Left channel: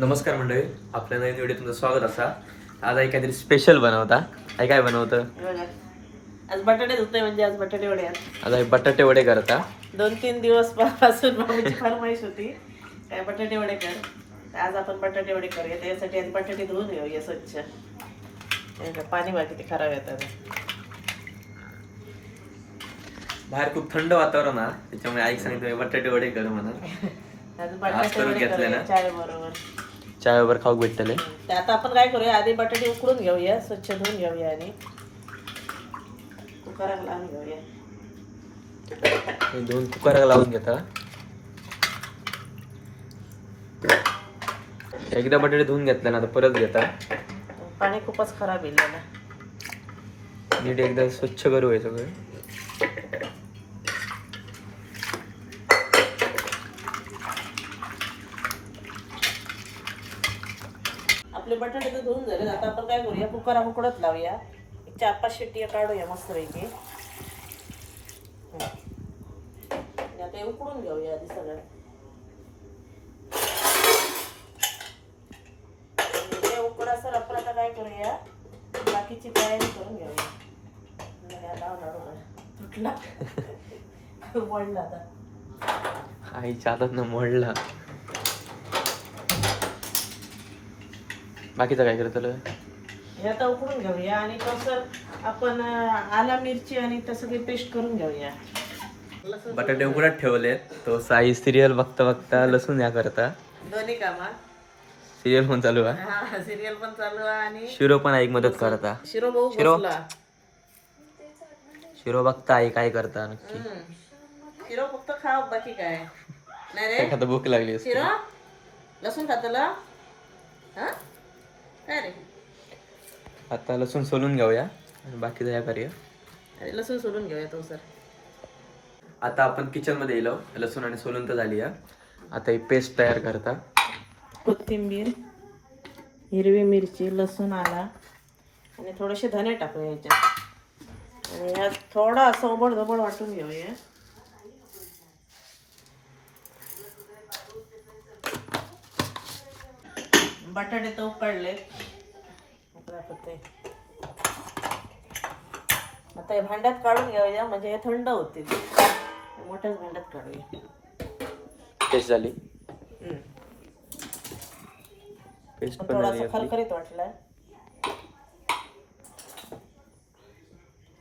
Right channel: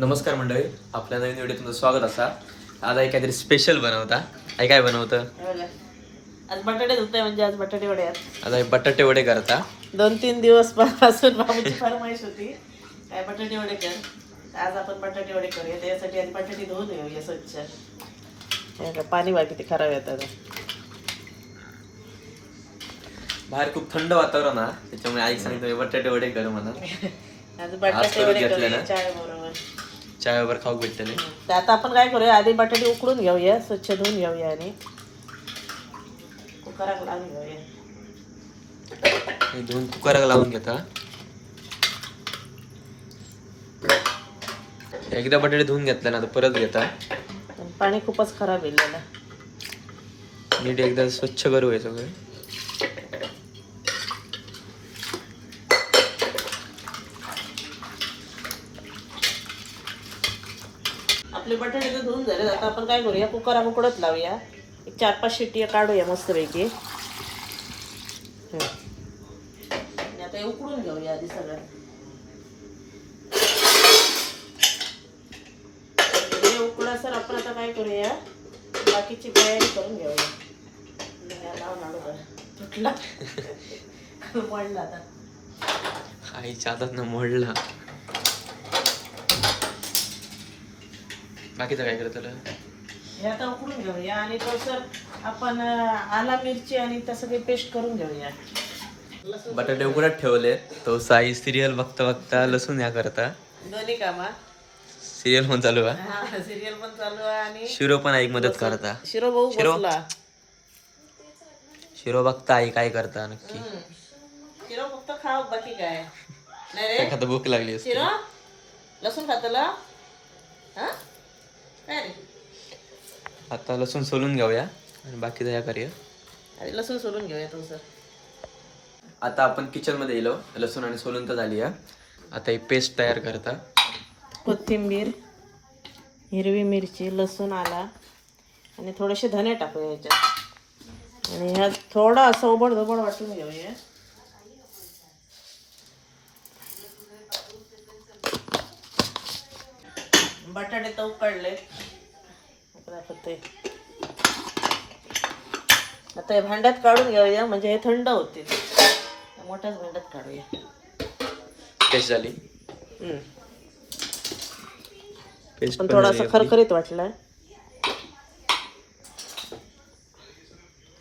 नमस्कार मंडळी, आपल्या नवीन व्हिडिओ तुमचं स्वागत असा. आज काहीतरी स्पेशल बनवता. काय बनवतं? आज बटाटे धुतोय, म्हणजे आज बटाटे वडे आहेत. आज बटाटे वडे करता. 2-3 दिवस पासून बाबूची फरमाईश होती काय बटाटे वडे कर. आज आपण बटाटे वडे करूया. त्यासाठी आधी बटाटे धुवून घेऊया स्वच्छ. पाणी बघा किती खराब येतात. बाहेर खूप थंड वातावरण आहे, त्याच्यामुळे आई सांगितलं बटाटे वडे कर म्हणून. आज बटाटे वडे करूया चाय बरोबर. चाय बरोबर खाऊ भेटले. आता आपण काय करूया, आधी बटाटे उकडून घेऊया, स्वच्छ धुवून घेऊया आणि कुकरात लावून घेऊया. हे दोन कुकराला लावून घेता. एकदा बटाटे धुवून घेतले ना, तर परत घेता. पाणी खूपच खराब येईल. नीट एकदा स्वच्छ करू हे सगळं. आपले बटाटे तर धुवून झाले. आता आपण काय करूया, कुकर उकडत लावूया. 4-5 शिट्टी काढूया मस्तपैकी. आणि आता हे उकडून घेऊया आधी सगळं. हे उकडा सर आपण आता काय करूया, बाकीची तयारी करून घेऊया. तुटला मोडला आता आईच्या हातात ना मोडला. बाकीचं काय करतं? हे आता उकडून घेऊया आणि तो सर आपण आला मिरची आणि त्या सगळी पेस्ट करून घेऊया. बटाटे उकडत ठेवले. तो साई सिरियल बघता बघता लसूण या करता. दोन्ही कामा सिरियल पण चालू आहे. हा, सिरियल पण चालू आहे आणि शिरो पण ऐक मदत करता. शिरो भाऊ शिरो? बसला. शिरो बघता आई काय करता नक्की. शिरो फक्त खाव, बाकी काय नाही रे. एखादा भूक लागली असते. शिरो लसूण खातला हा काय रे. आता लसूण सोलून घेऊया आणि बाकीचं या करूया. अरे लसूण सोलून घेऊया तो सर. आता आपण किचन मध्ये येलो. लसूण आणि सोलून तर झाली आहे. आता ही पेस्ट तयार करता. कोथिंबीर, हिरवी मिरची, लसूण, आला आणि थोडेसे धने टाकूया याच्यात. आणि ह्यात थोडं असं ओबड-धोबड वाटून घेऊया. बटाटे तर उकडले. आता हे भांड्यात काढून घेऊया, म्हणजे हे थंड होते. मोठ्याच भांड्यात काढूया. पेस्ट झाली. पेस्ट पण पण थोडासा खरखरीत वाटला.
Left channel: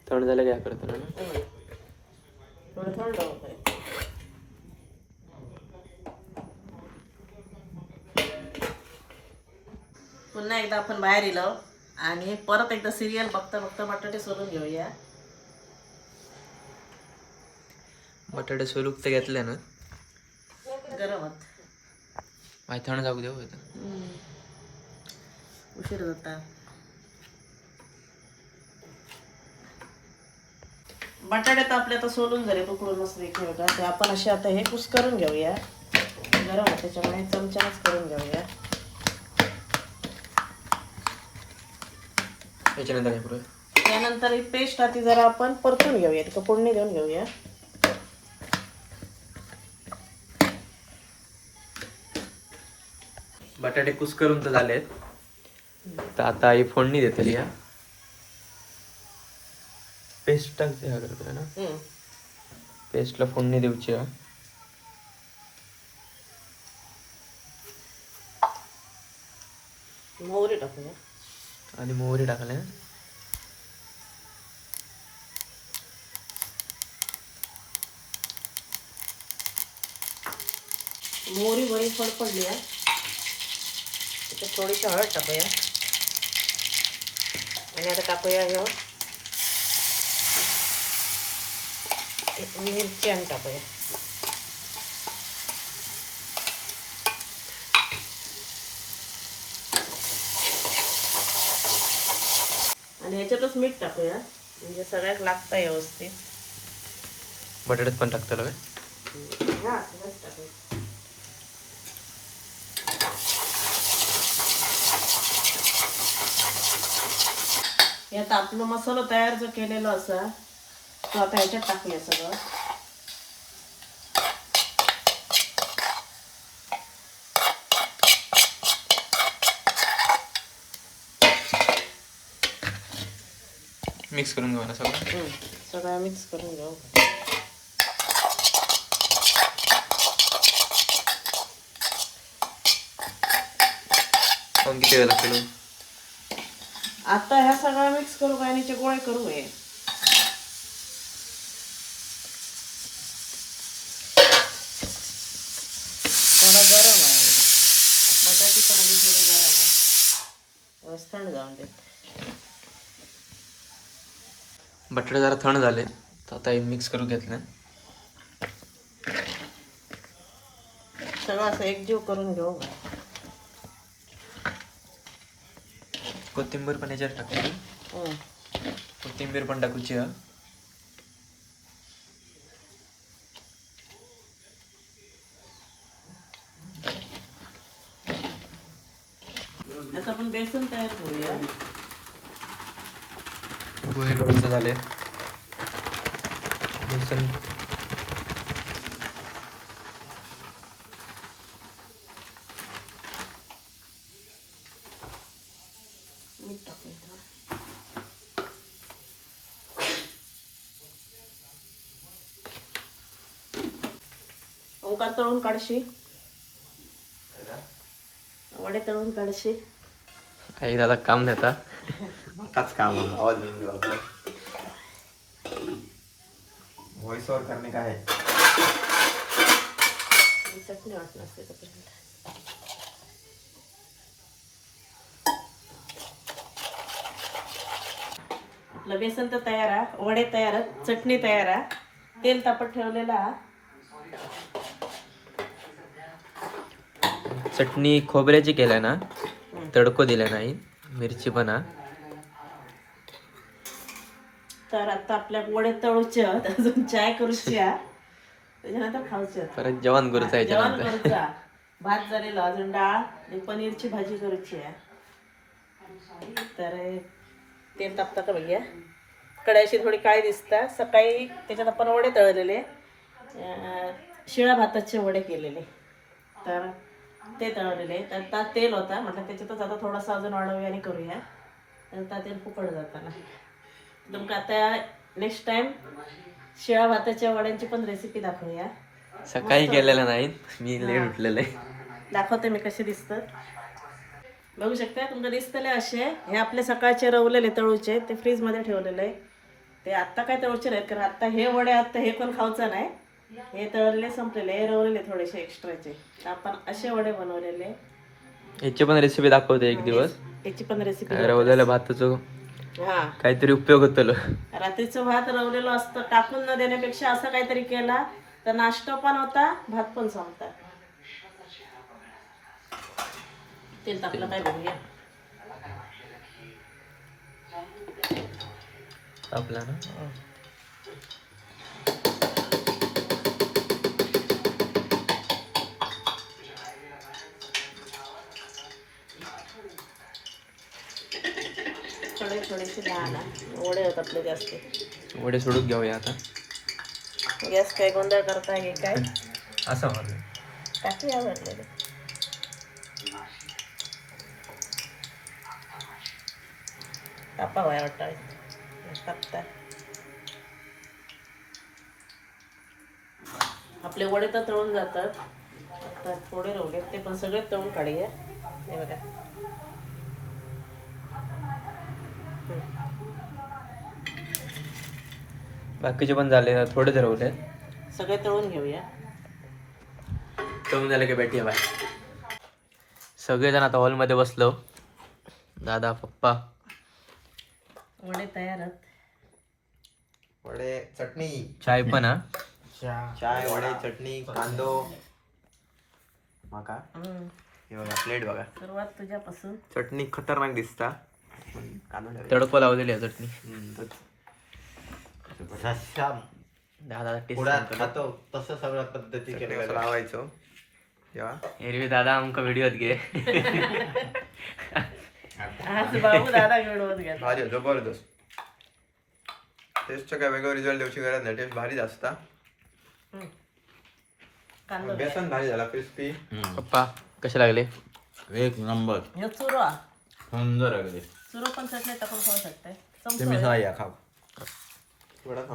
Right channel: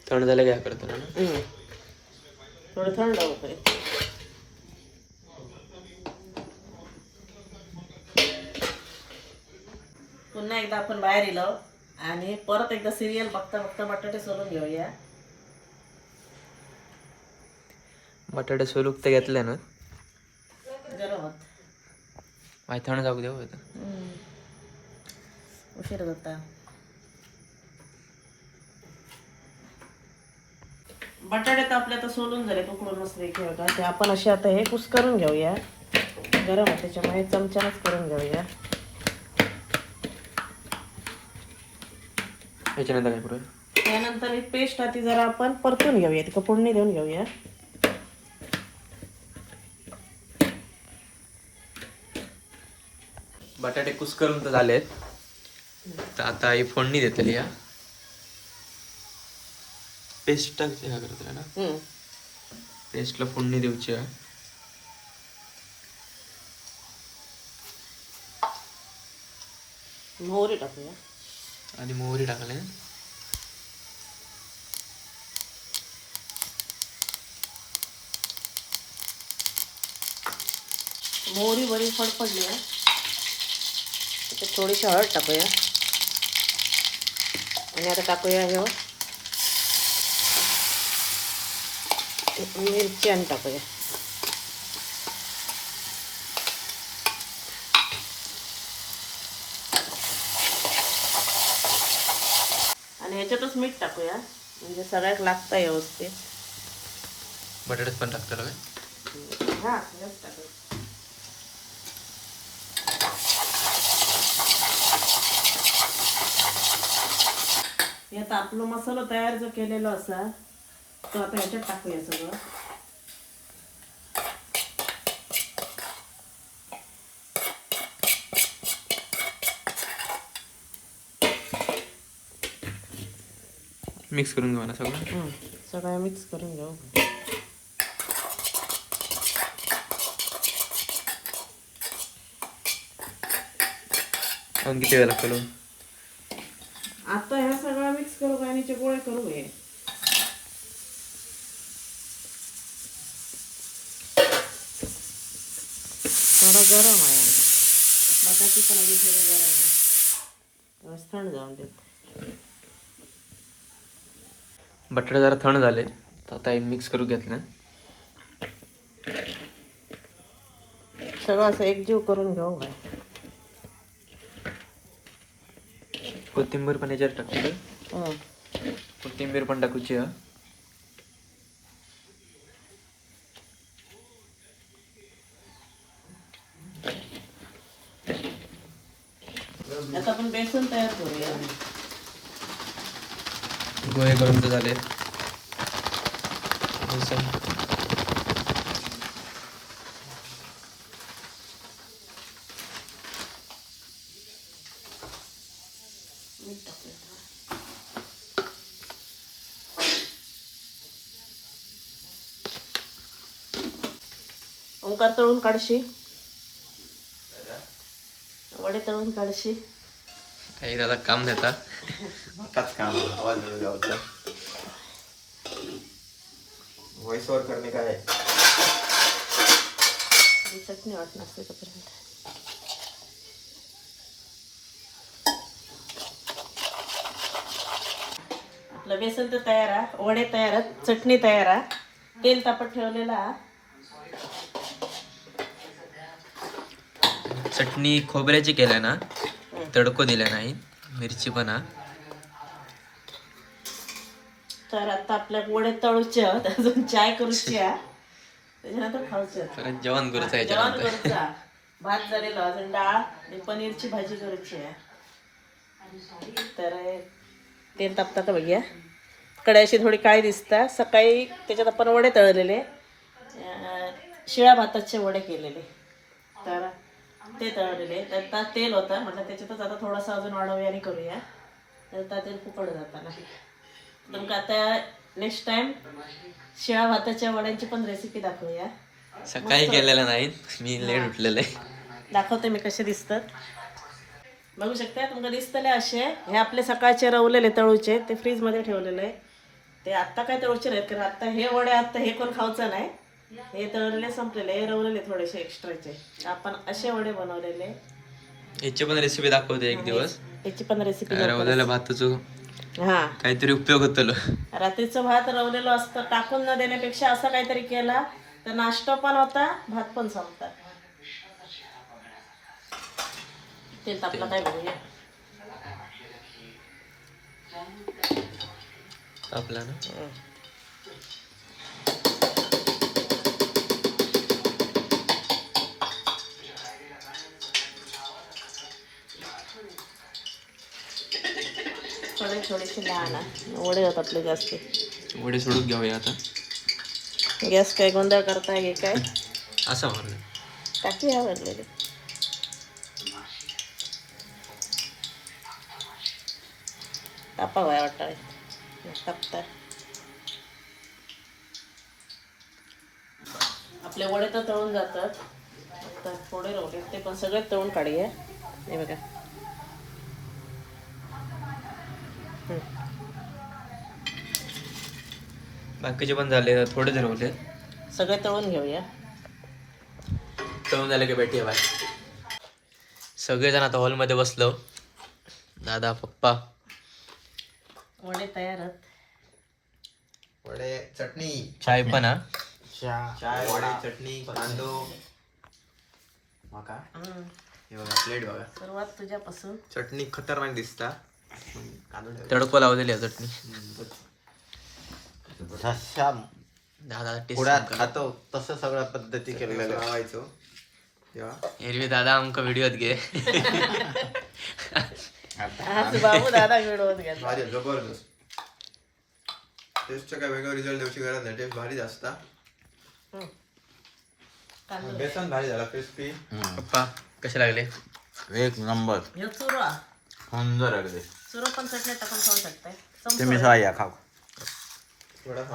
थंड झालं काय करतो ना. थोडं थंड होतंय. पुन्हा एकदा आपण बाहेर येलो आणि परत एकदा सिरियल बघता बघता बटाटे सोलून घेऊया. बटाटे सोलूक ते घेतले ना, गरम होत. माहिती थंड जाऊ देऊ. उशीर होता. बटाटे तर आपले आता सोलून झाले, उकडून मस्त घेऊया. ते आपण असे आता हे कुस करून घेऊया. गरम होत त्याच्यामुळे चमच्यानेच करून घेऊया. त्याच्यानंतर काय करूया, त्यानंतर ही पेस्ट आधी जरा आपण परतून घेऊया. ती फोडणी देऊन घेऊया. बटाटे कुस करून तर झाले. तर आता ही फोडणी देतली. या पेस्ट टाकते हा करतोय ना. पेस्टला फोडणी देऊची. मोहरी टाकूया. आणि मोहरी टाकले. मोहरी बरी फडफडली आहे. त्याच्यात थोडीशी हळद टाकूया. आणि आता टाकूया मिरची आणि टाकूया. आणि ह्याच्यातच मीठ टाकूया, म्हणजे सगळ्यात लागतं व्यवस्थित. बटाट्यात पण टाकतं काय. हा टाकूया. यात आपलं मसाला तयार जो केलेला असा तो आता ह्याच्यात टाकूया सगळं. मिक्स करून घेऊ ना सगळं. सगळं मिक्स करून घेऊ. किती वेळ लागतो? आता ह्या सगळं मिक्स करू गाणीचे गोळे करू हे. थोडा गरम आहे बटाटी पण अजून थोडी गरम आहे. थंड जाऊन देत. बटाटे जरा थंड झाले तर आता हे मिक्स करून घेतलं. सगळं असं एकजीव करून घेऊ का. कोथिंबीर पण याच्यात टाकते. कोथिंबीर पण टाकूची हा. आता आपण बेसन तयार करूया. गोळे करून झाले. बेसन मीठ टाकायचं. ओंकार तळून काढशी. वडे तळून काढशी. आई दादा काम देता. मकाच काम व्हॉइस ओव्हर करणे काय आहे. चटणी वाटत नसते तोपर्यंत. आपलं बेसन तर तयार आहे. वडे तयार आहेत. चटणी तयार आहे. तेल तापत ठेवलेलं आहे. चटणी खोबऱ्याची केल्या ना, तडको दिला नाही. मिरची पण हा. तर आता आपल्या वडे तळूचे आहेत. अजून चाय करूची आहे. त्याच्यानंतर खाऊची आहे. परत जेवण करूचं जेवण याच्यानंतर. करूचं आहे. भात झालेला अजून डाळ आणि पनीरची भाजी करूची आहे. तर तेल तापतात बघूया. कडे अशी थोडी काळी दिसतात. सकाळी त्याच्यात आपण वडे तळलेले, शिळ्या भाताचे वडे केलेले, तर ते तळलेले. तर तेल होतं म्हटलं त्याच्यातच आता थोडासा अजून वाढवूया आणि करूया. तर त्या तेल फुकट जाताना तुमका आता नेक्स्ट टाइम शिळ्या भाताच्या वड्यांची पण रेसिपी दाखवूया. सकाळी केलेलं नाही, मी लेट उठलेलं आहे. दाखवते मी कसे दिसतात. बघू शकता तुमका दिसतले असे. हे आपले सकाळचे रवलेले तळूचे, ते फ्रीजमध्ये ठेवलेले आहे. ते आत्ता काय तळूचे नाहीत, कारण आत्ता हे वडे आत्ता हे कोण खाऊचं नाही. हे तळलेले संपलेले, हे रवलेले थोडेसे एक्स्ट्राचे. आपण असे वडे बनवलेले. याची पण रेसिपी दाखवते एक दिवस. याची पण रेसिपी. रवलेल्या भाताचं हा, काहीतरी उपयोग होतो. रात्रीचं भात रवलेलं असतं, टाकून न देण्यापेक्षा असं काहीतरी केला तर नाश्ता पण होता, भात पण संपतात. तेल तापलं काय बघूया. आपला ना थोडीशी लहान वडे होत आपले जास्त. वडे सोडून घेऊया आता. गॅस काय गोंधळ करताय हे काय असं म्हणून काठी आवडलेले. तापा वाय वाटाय टाकतात. आपले वडे तर तळून जातात. आता थोडे राहिले ते पण सगळे तळून काढूया. हे बघा बाकीचे पण झाले, थोडे ठरवले. सगळे तळून घेऊया. तळून झालं की भेटूया बाय. सगळेजण आता हॉलमध्ये बसलो. दादा पप्पा. वडे तयार आहेत. वडे चटणी चाय पण हा. चाय वडे चटणी कांदो मका. हे बघा प्लेट बघा. सुरुवात तुझ्यापासून. चटणी खतरनाक दिसता. कांदो तडको लावलेली आहे चटणी. दादा टेस्ट खातो तसं सगळ्या पद्धती लावायचो. एरवी दादा आमका व्हिडिओत घे. बाबू दादा घेऊन घ्या. भारी जबरदस्त. टेस्टचा काय वेगळा रिझल्ट देऊची गरज नाही. टेस्ट भारी असता. बेसन भारी झाला क्रिस्पी. पप्पा कसे लागले? एक नंबर. हे चुरा सुंदर अगदी. चुरो पण चटणी टाकून खाऊ शकताय. तुम्ही सहा या खाऊ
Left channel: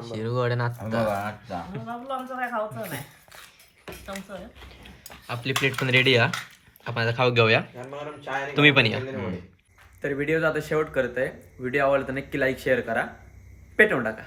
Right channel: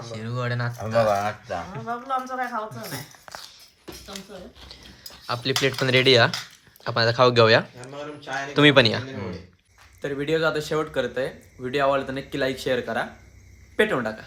शिरगोड नाचता बाबलो आमचं काय खावचं नाही चमचं आहे. आपली प्लेट पण रेडी आहे. आपण आता खाऊ घेऊया. तुम्ही पण या. तर व्हिडिओचा आता शेवट करतोय. व्हिडिओ आवडला तर नक्की लाईक शेअर करा. पेटवून टाका.